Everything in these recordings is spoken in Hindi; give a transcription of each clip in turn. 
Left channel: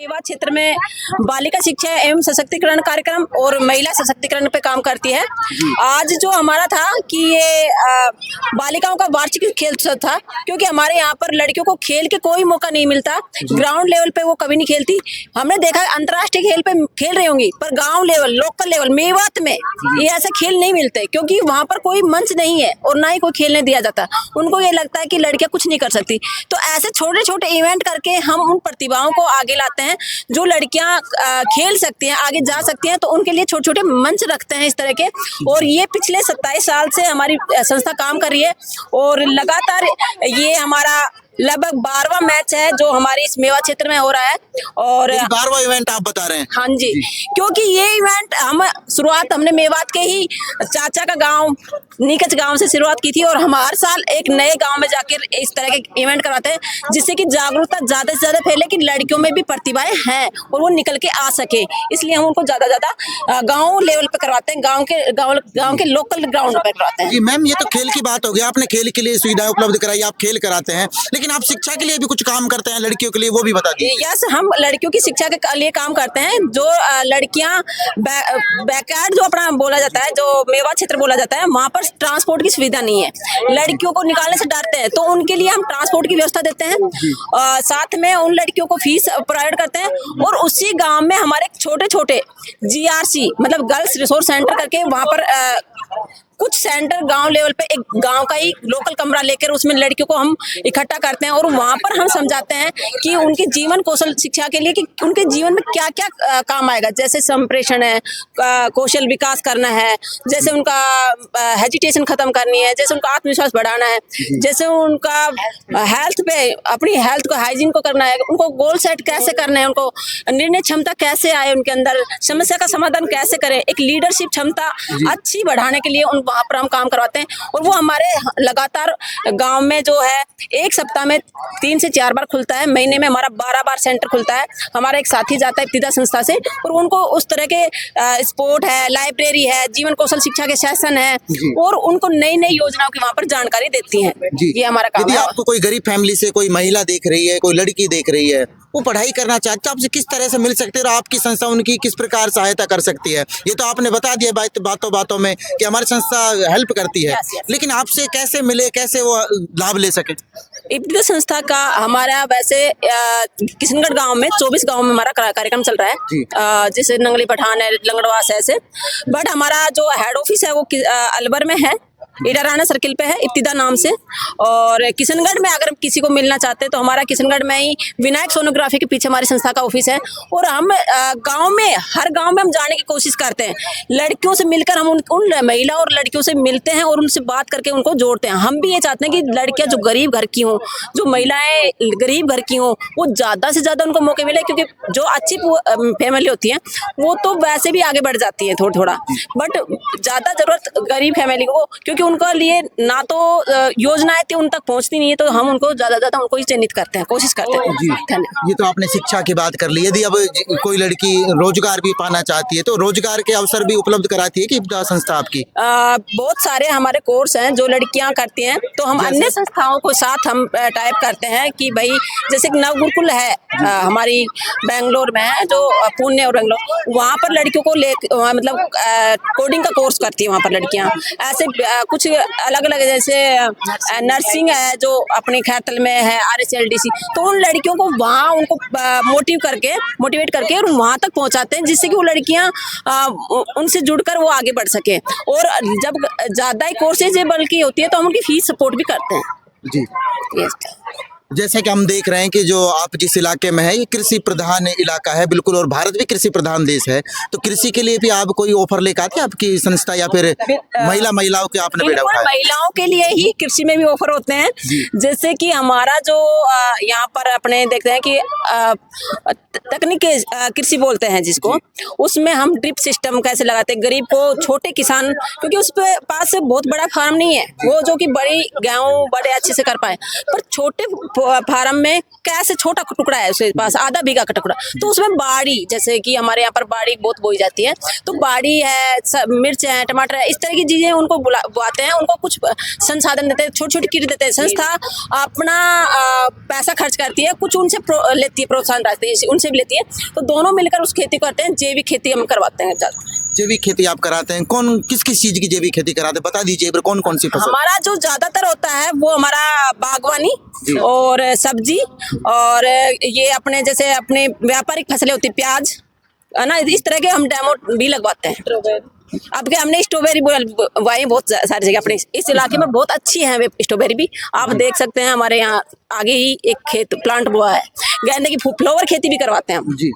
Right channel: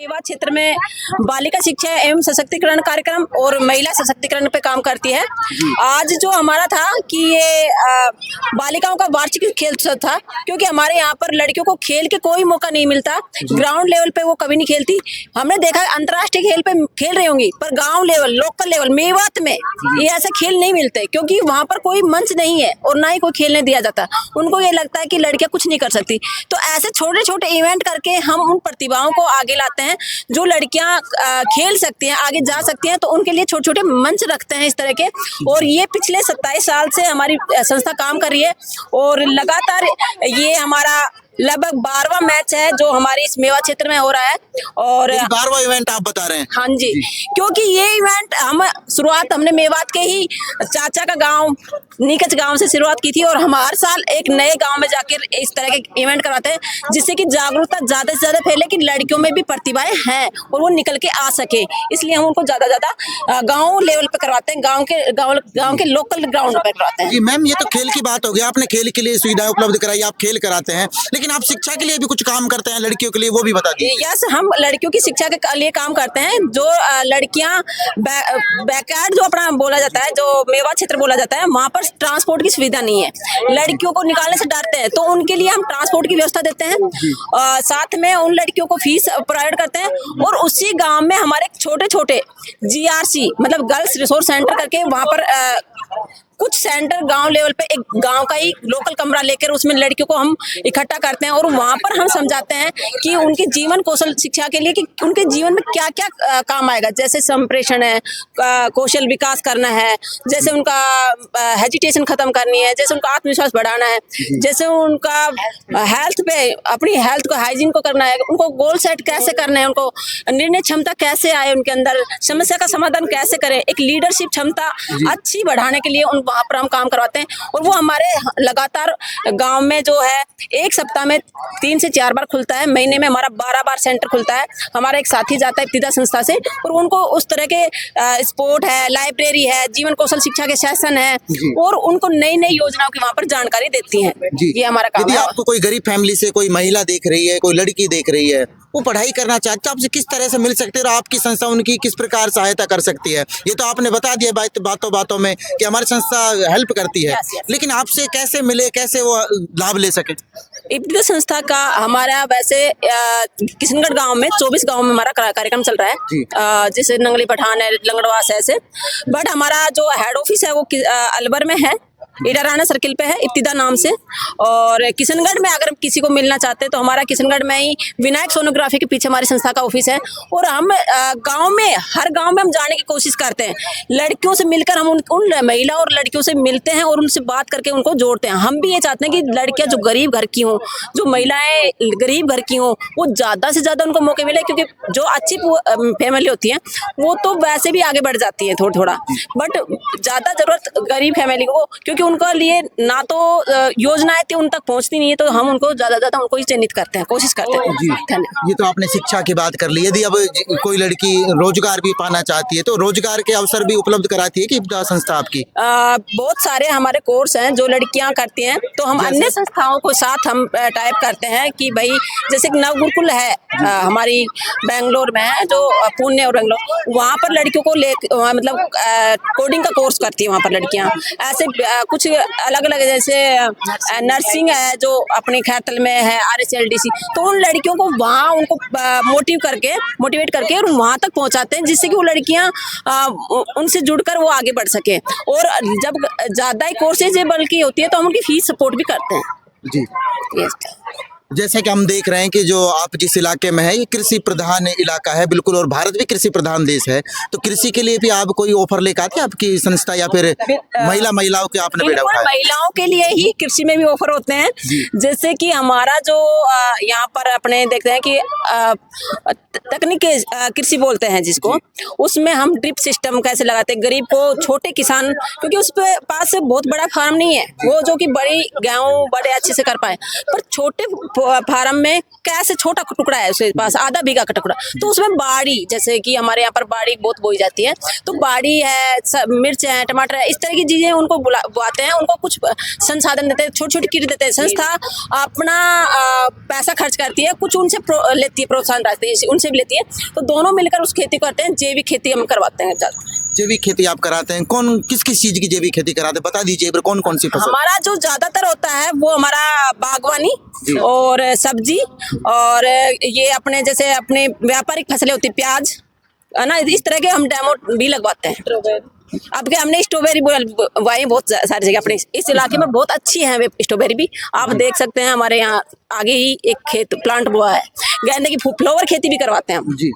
सेवा क्षेत्र में बालिका शिक्षा एवं सशक्तिकरण कार्यक्रम और महिला सशक्तिकरण पे काम करती है। आज जो हमारा था कि ये बालिकाओं का वार्षिक खेल उत्सव था, क्योंकि हमारे यहाँ पर लड़कियों को खेल के कोई मौका नहीं मिलता। ग्राउंड लेवल पे वो कभी नहीं खेलती। हमने देखा अंतर्राष्ट्रीय खेल पे खेल रही होंगी, पर गांव लेवल, लोकल लेवल, मेवात में ये ऐसे खेल नहीं मिलते, क्योंकि वहाँ पर कोई मंच नहीं है और ना ही कोई खेलने दिया जाता। उनको ये लगता है कि लड़कियां कुछ नहीं कर सकती। तो ऐसे छोटे छोटे इवेंट करके हम उन प्रतिभाओं को आगे लाते हैं जो लड़कियां खेल सकती हैं, आगे जा सकती हैं। तो उनके लिए छोटे छोटे मंच रखते हैं इस तरह के। और ये पिछले 27 साल से हमारी संस्था काम कर रही है और लगातार ये हमारा लगभग 12वां मैच है जो हमारे इस मेवा क्षेत्र में हो रहा है। और 12वां इवेंट आप बता रहे हैं? हाँ जी, क्योंकि ये इवेंट शुरुआत हमने मेवात के ही चाचा का गांव नीकच गांव से शुरुआत की थी और हम हर साल एक नए गांव में जाकर इस तरह के इवेंट करवाते हैं, जिससे कि जागरूकता ज्यादा से ज्यादा फैले कि लड़कियों में भी प्रतिभाएं हैं और वो निकल के आ सके। इसलिए हम उनको ज्यादा गांव लेवल पे करवाते हैं, गांव के लोकल ग्राउंड पे करवाते हैं। जी मैम, ये तो खेल की बात हो गई, आपने खेल के लिए सुविधाएं उपलब्ध कराई, आप खेल कराते हैं, लेकिन आप शिक्षा के लिए भी कुछ काम करते हैं लड़कियों के लिए, वो भी बता दीजिए। यस, हम लड़कियों की शिक्षा के लिए काम करते हैं। जो लड़कियां बैकयार्ड जो अपना बोला जाता है, जो मेवा क्षेत्र बोला जाता है, वहाँ पर ट्रांसपोर्ट की सुविधा नहीं है, लड़कियों को निकालने से डरते हैं, तो उनके लिए हम ट्रांसपोर्ट की व्यवस्था देते हैं। साथ में उन लड़कियों को फीस प्रोवाइड करते हैं और उसी गांव में हमारे छोटे छोटे GRC मतलब गर्ल्स रिसोर्स सेंटर करके वहाँ पर कुछ सेंटर गांव लेवल पे एक गांव का ही लोकल कमरा लेकर उसमें लड़कियों को हम इकट्ठा करते हैं और वहां पर हम समझाते हैं कि उनके जीवन कौशल शिक्षा के लिए कि उनके जीवन में क्या क्या काम आएगा। जैसे संप्रेषण है, कौशल विकास करना है, जैसे उनका हेजिटेशन खत्म करनी है, जैसे उनका आत्मविश्वास बढ़ाना है, जैसे उनका हेल्थ पे अपनी हेल्थ को हाइजीन को करना है, उनको गोल सेट कैसे करना है, उनको निर्णय क्षमता कैसे आए उनके अंदर, समस्या का समाधान कैसे करें, एक लीडरशिप क्षमता अच्छी बढ़ाने के लिए वहाँ पर हम काम करवाते हैं। और वो हमारे लगातार गांव में जो है एक सप्ताह में 3 से 4 बार खुलता है, महीने में हमारा 12 बार सेंटर खुलता है। हमारा एक साथी जाता है इब्तिदा संस्था से और उनको उस तरह के स्पोर्ट है, लाइब्रेरी है, जीवन कौशल शिक्षा के सेशन है और उनको नई नई योजनाओं की वहाँ पर जानकारी देती हैं। ये हमारा काम है। आपको कोई गरीब फैमिली से कोई महिला देख रही है, कोई लड़की देख रही है, वो पढ़ाई करना चाहते, आपसे किस तरह से मिल सकते हैं और आपकी संस्था उनकी किस प्रकार सहायता कर सकती है? ये तो आपने बता दिया बातों बातों में कि हमारी संस्था हेल्प करती है। लेकिन आपसे कैसे मिले, कैसे वो लाभ ले सके? इब्तिदा संस्था का हमारा वैसे किशनगढ़ गांव में 24 गांव में हमारा कार्यक्रम चल रहा है, जैसे नंगली पठान है, लंगड़वास है ऐसे। बट हमारा जो हेड ऑफिस है वो अलवर में है, ईराराना सर्किल पे है, इब्तिदा नाम से। और किशनगढ़ में अगर किसी को मिलना चाहते हैं तो हमारा किशनगढ़ में ही विनायक सोनोग्राफी के पीछे हमारी संस्था का ऑफिस है। और हम गांव में हर गांव में हम जाने की कोशिश करते हैं, लड़कियों से मिलकर हम उन महिला और लड़कियों से मिलते हैं और उनसे बात करके उनको जोड़ते हैं। हम भी ये चाहते हैं कि लड़कियां जो गरीब घर की हों, जो महिलाएं गरीब घर की हों, वो ज़्यादा से ज़्यादा उनको मौके मिले, क्योंकि जो अच्छी फैमिली होती है वो तो वैसे भी आगे बढ़ जाती है थोड़ा थोड़ा, बट ज़्यादा ज़रूरत गरीब फैमिली को, क्योंकि उनके लिए ना तो योजनाएं थी उन तक पहुंचती नहीं है, तो हम उनको ज्यादा उनको ही चिन्हित करते हैं, कोशिश करते हैं। ये तो आपने शिक्षा की बात कर ली। यदि अब कोई लड़की रोजगार भी पाना चाहती है तो रोजगार के अवसर भी उपलब्ध कराती है कि संस्था आपकी? बहुत सारे हमारे कोर्स हैं जो लड़कियां करती हैं, तो हम अन्य संस्थाओं को साथ हम टाइप करते हैं कि भाई जैसे नव गुरुकुल है हमारी बेंगलोर में है, जो पुणे और बेंगलोर, वहाँ पर लड़कियों को मतलब कोडिंग का कोर्स करती है वहाँ पर लड़कियाँ। ऐसे कुछ अलग अलग जैसे नर्सिंग है जो अपने खैरतल में है, RSLDC, तो उन लड़कियों को वहाँ उनको मोटिवेट करके और वहाँ तक पहुँचाते हैं, जिससे कि वो लड़कियाँ उनसे जुड़कर वो आगे बढ़ सके। और जब ज़्यादा ही कोर्सेजेबल की होती है तो हम उनकी फीस सपोर्ट भी करते हैं। जी जैसे कि हम देख रहे हैं कि जो आप जिस इलाके में है ये कृषि प्रधान इलाका है बिल्कुल, और भारत भी कृषि प्रधान देश है, तो कृषि के लिए भी आप कोई ऑफर लेकर आते हैं आपकी संस्था, या फिर महिलाओं के आपने बेड़ा उठाया? महिलाओं के लिए ही कृषि में भी ऑफर होते हैं। जैसे कि हमारा जो यहाँ पर अपने देखते हैं कि तकनीकी कृषि बोलते हैं जिसको, उसमें हम ड्रिप सिस्टम कैसे लगाते हैं गरीब को, छोटे किसान, क्योंकि उस पास से बहुत बड़ा फार्म नहीं है वो जो कि बड़ी गेहूँ बड़े अच्छे से कर पाए, पर छोटे फार्म में कैसे छोटा टुकड़ा है उसके पास, आधा बीघा का टुकड़ा, तो उसमें बाड़ी, जैसे कि हमारे यहाँ पर बाड़ी बहुत बोई जाती है, तो बाड़ी है, मिर्च है, टमाटर है, इस तरह की चीजें उनको बुलाते हैं, उनको कुछ संसाधन देते हैं, छोटी छोटी किट देते हैं। संस्था अपना पैसा खर्च करती है, कुछ उनसे लेती है, प्रोत्साहन राशि उनसे भी लेती है, तो दोनों मिलकर उस खेती करते हैं। जैविक खेती हम करवाते हैं। जैविक खेती आप कराते हैं, कौन किस किस चीज की जैविक खेती कराते हैं, बता दीजिए कौन कौन सी फसल? हमारा जो ज्यादातर होता है वो हमारा बागवानी और सब्जी, और ये अपने जैसे अपने व्यापारिक फसलें होती, प्याज है ना, इस तरह के हम डेमो भी लगवाते हैं। अब क्या हमने स्ट्रॉबेरी बुआई बहुत सारी जगह, अपने इस इलाके में बहुत अच्छी है वे स्ट्रॉबेरी भी, आप देख सकते हैं। हमारे यहाँ आगे ही एक खेत प्लांट बुआ है, गेंदे की फ्लावर खेती भी करवाते हैं हम। जी,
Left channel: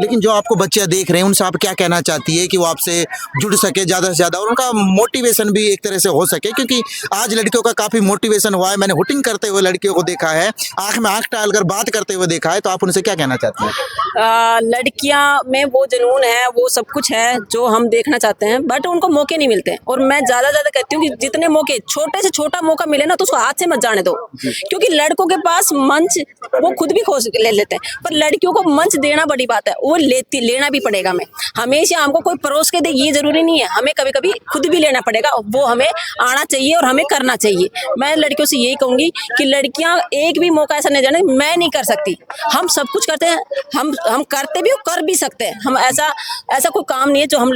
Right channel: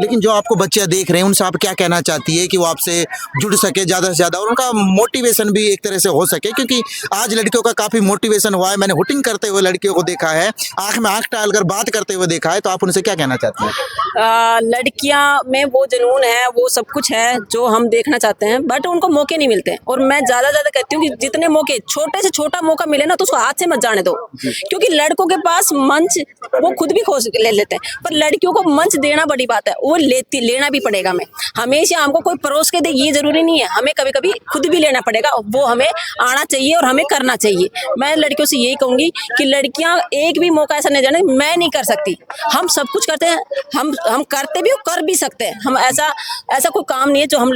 लेकिन जो आपको बच्चे देख रहे हैं उनसे आप क्या कहना चाहती है कि वो आपसे जुड़ सके ज़्यादा से ज़्यादा, और उनका मोटिवेशन भी एक तरह से हो सके, क्योंकि आज लड़कियों का काफ़ी मोटिवेशन हुआ है। मैंने हुटिंग करते हुए लड़कियों को देखा है, आंख में आंख डालकर बात करते हुए देखा है, तो आप उनसे क्या कहना चाहते हैं? लड़कियां में वो जुनून है, वो सब कुछ है जो हम देखना चाहते हैं, बट उनको मौके नहीं मिलते। और मैं ज़्यादा कहती हूँ कि जितने मौके, छोटे से छोटा मौका मिले ना, तो उसको हाथ से मत जाने दो, क्योंकि लड़कों के पास मंच वो खुद भी खोज ले लेते हैं, पर लड़कियों को मंच देना बड़ी बात है, वो लेना भी पड़ेगा। हमें हमेशा हमको कोई परोस के दे ये जरूरी नहीं है, हमें कभी कभी खुद भी लेना पड़ेगा, वो हमें आना चाहिए और हमें करना चाहिए। मैं लड़कियों से यही कहूंगी कि लड़कियां एक भी मौका ऐसा नहीं जाने मैं नहीं कर सकती, हम सब कुछ करते हैं, हम करते भी और कर भी सकते हैं। हम ऐसा कोई काम नहीं है जो हम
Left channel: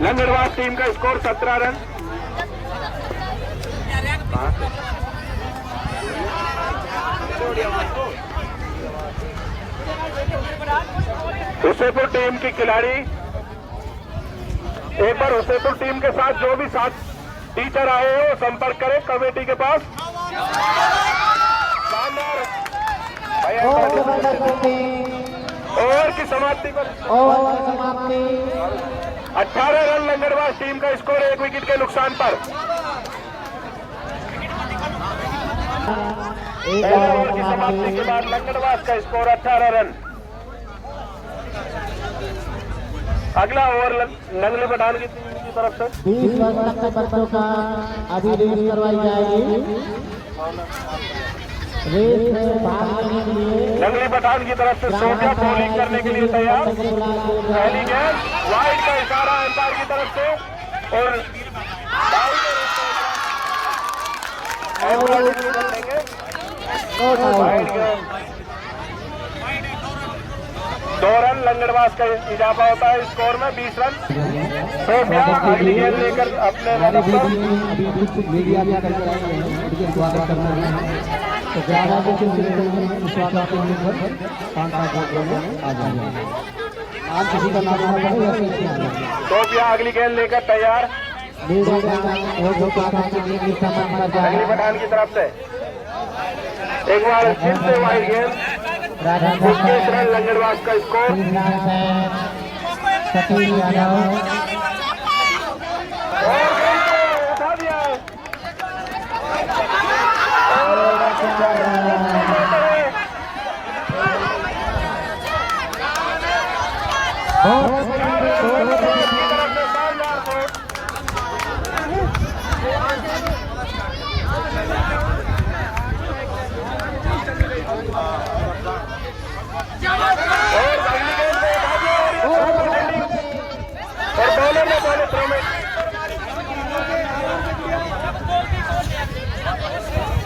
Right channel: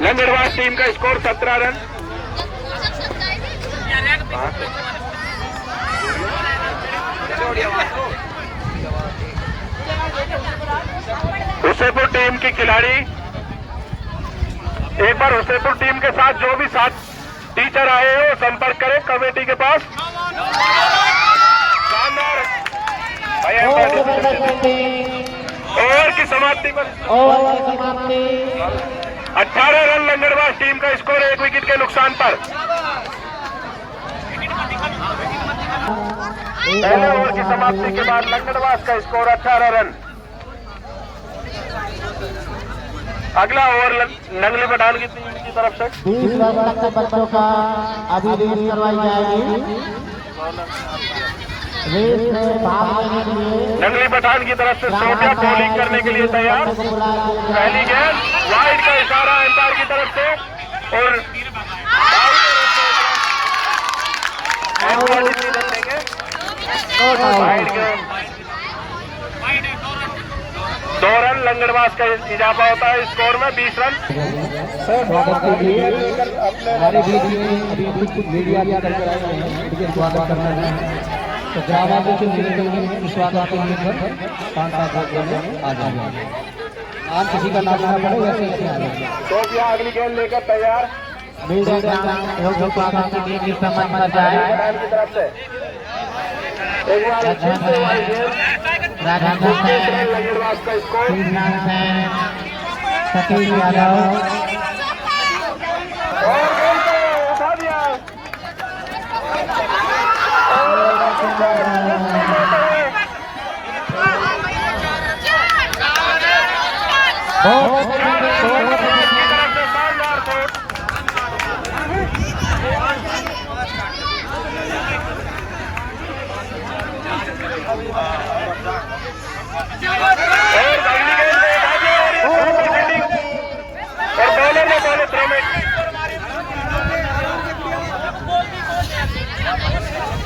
लंगड़वास टीम का स्कोर 17 रन। हुसैनपुर टीम के खिलाड़ी एक बार हुसैनपुर टीम के साथ जो भी साथ टीचर आए हो संपर्क करें कमेटी के पास। ओवर की समाप्ति पर 18 रन लंगड़वास टीम का स्कोर 1 विकेट के नुकसान पर। पहले ओवर की समाप्ति के बाद लंगड़वास का स्कोर 18 रन। अगला ओवर नंगली पठान की टीम की तरफ से 20 वर्ष तक के बच्चों का अभी रेस करवाई जाएगी। रेस में भाग लेने के लिए नंगली पठान की तरफ से सोफिया बॉलिंग करने के लिए तैयार। पहली गेंद वाइड का इशारा अंपायर की तरफ से, और वाइड गेंद 2 रन लंगड़वास का इजाफा होता है स्कोर में 20 रन। सोफिया अगली गेंद लेकर अपने मीडिया भी करके आए हैं, उनके स्वागत करना है, तो ज्यादा कुछ स्वागत के लिए आ जाएंगे। आप किसी का नाम पड़ेगा। सोफिया अगली गेंद लेकर तैयार। पठान की तरफ से एक बार फिर से वाइड गेंद 21 रन लंगड़वास का स्कोर। सतीश यादव उठा दिया।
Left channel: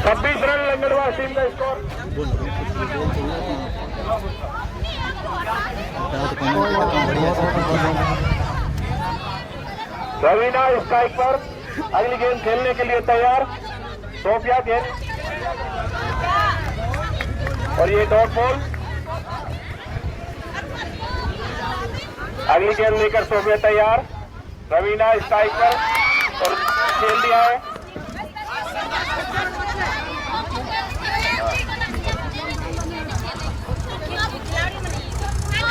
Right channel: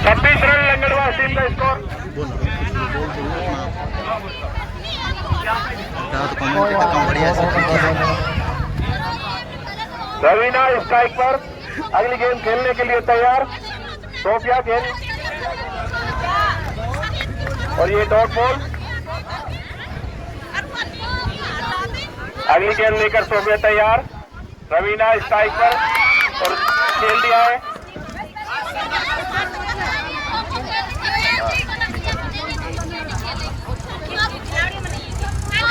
छब्बीस रन लंगड़वास टीम का स्कोर। रवीना स्ट्राइक पर अगली गेंद खेलने के लिए तैयार। सोफिया गेंद और ये डॉट बॉल। अगली गेंद लेकर सोफिया तैयार। रवीना स्ट्राइक पर और खेल दिया है।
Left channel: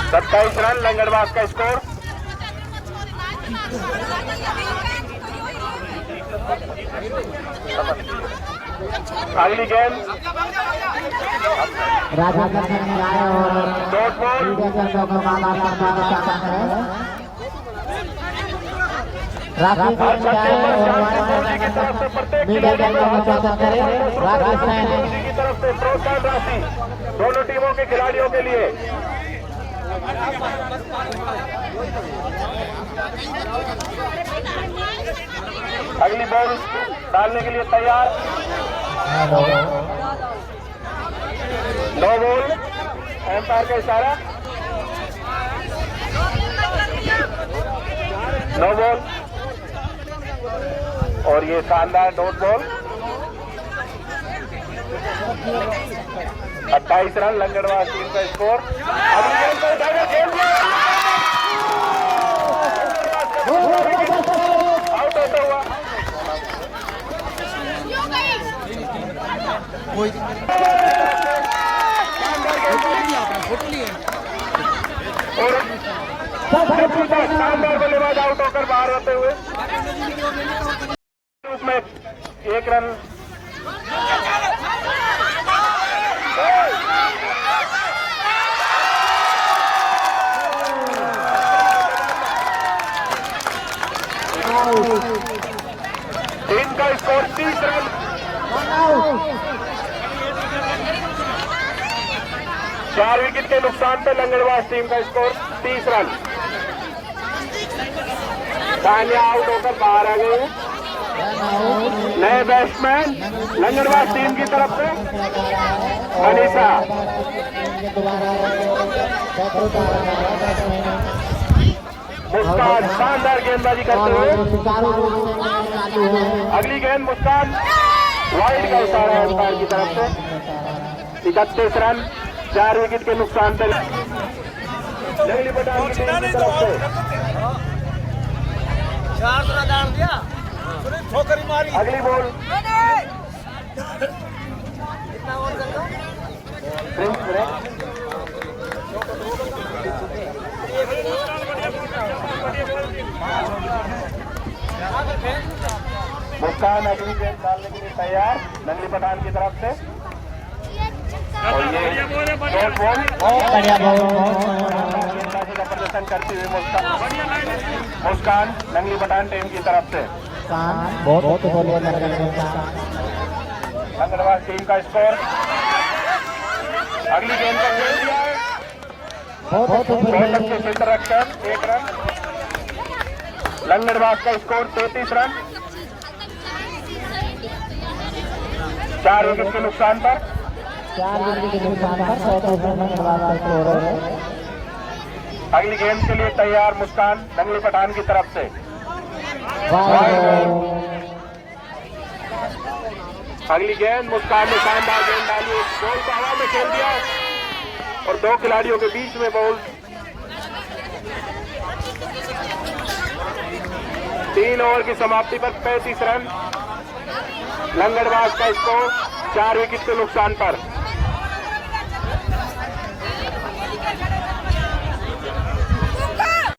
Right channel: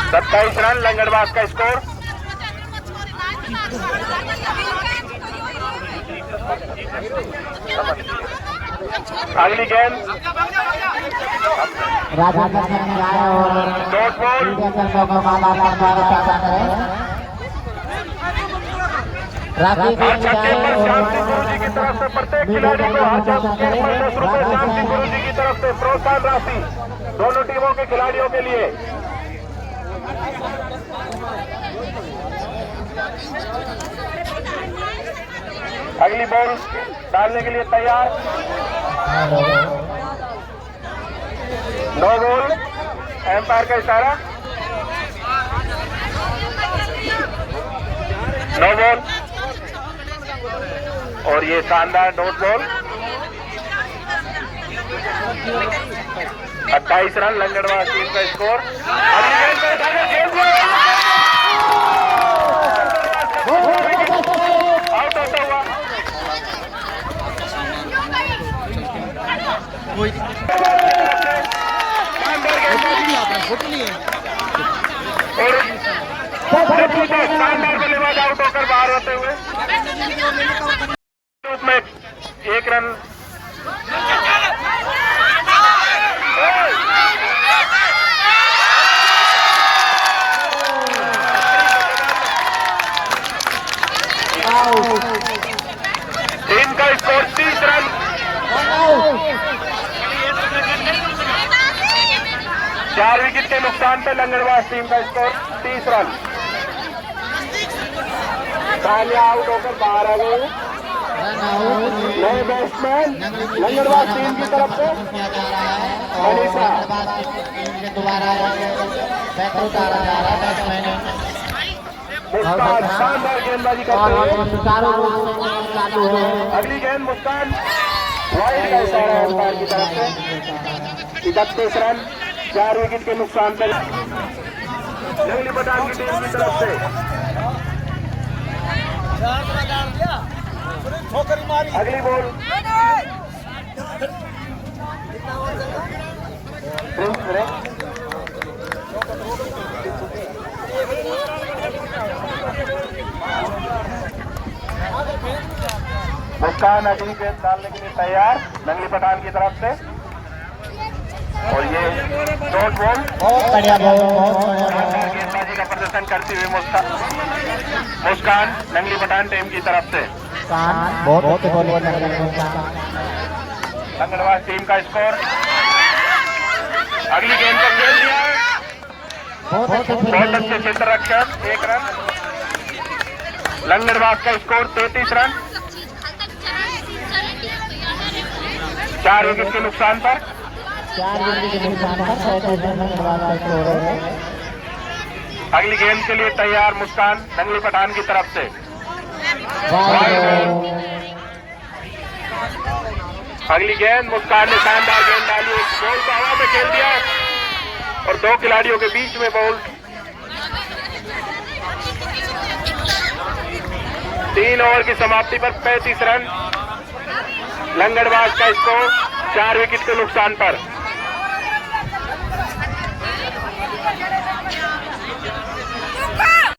सत्ताईस रन लंगड़वास का स्कोर। अगली गेंद डॉट बॉल। हर छक्के पर शांति गुरु जी की तरफ से प्रत्येक खिलाड़ी को हर छक्के पर 10 रुपए शांति गुरु जी की तरफ से प्रोत्साहन राशि दोनों टीमों के खिलाड़ियों के लिए। अगली बॉल डालने के लिए तैयार। नो बॉल, एम्पायर का इशारा, नो बॉल। और ये शानदार डॉट बॉल। 28 रन लंगड़वास टीम का स्कोर। अगली गेंद पर उठाकर खेल दिया। आउट होता हुआ शानदार बल्लेबाज आउट होकर बाहर होते हुए रूप में 1 रन। टीम का स्कोर 30 रन। चार विकेट के नुकसान पे लंगड़वास टीम का स्कोर 30 रन। पहले आउट होकर बाहर आ गए नए बैट्समैन लंगड़वास टीम की तरफ से मनीषा। मुस्कान शानदार गेंदबाजी करते हुए। अगली गेंद मुस्कान, वाइड का इशारा अंपायर की तरफ से। 31 रन, 4 विकेट के नुकसान पर लंगली पठान की टीम की तरफ से। अगली बॉल मुस्कान अगली गेंद डालने के लिए तैयार नंगली पठान की तरफ से। और ये डॉट बॉल गेंदबाजी का प्रदर्शन करती हुई मुस्कान नंगली पठान टीम की तरफ से। लंगड़वास टीम का स्कोर। अगली गेंद पर खेल दिया बहुत अच्छे क्षेत्र रक्षक 1 रन। लंगड़वास का स्कोर 33 रन, 4 विकेट के नुकसान पर। अगली गेंद के लिए तैयार मुस्कान नंगली पठान की तरफ से। अगली गेंद मुस्कान ने शानदार गेंद डाली, एक बॉल को हवा में खेल दिया और 2 खिलाड़ियों के बीच में बॉल। 3 ओवर की समाप्ति पर 35 रन। लंगड़वास का स्कोर 4 विकेट के नुकसान पर।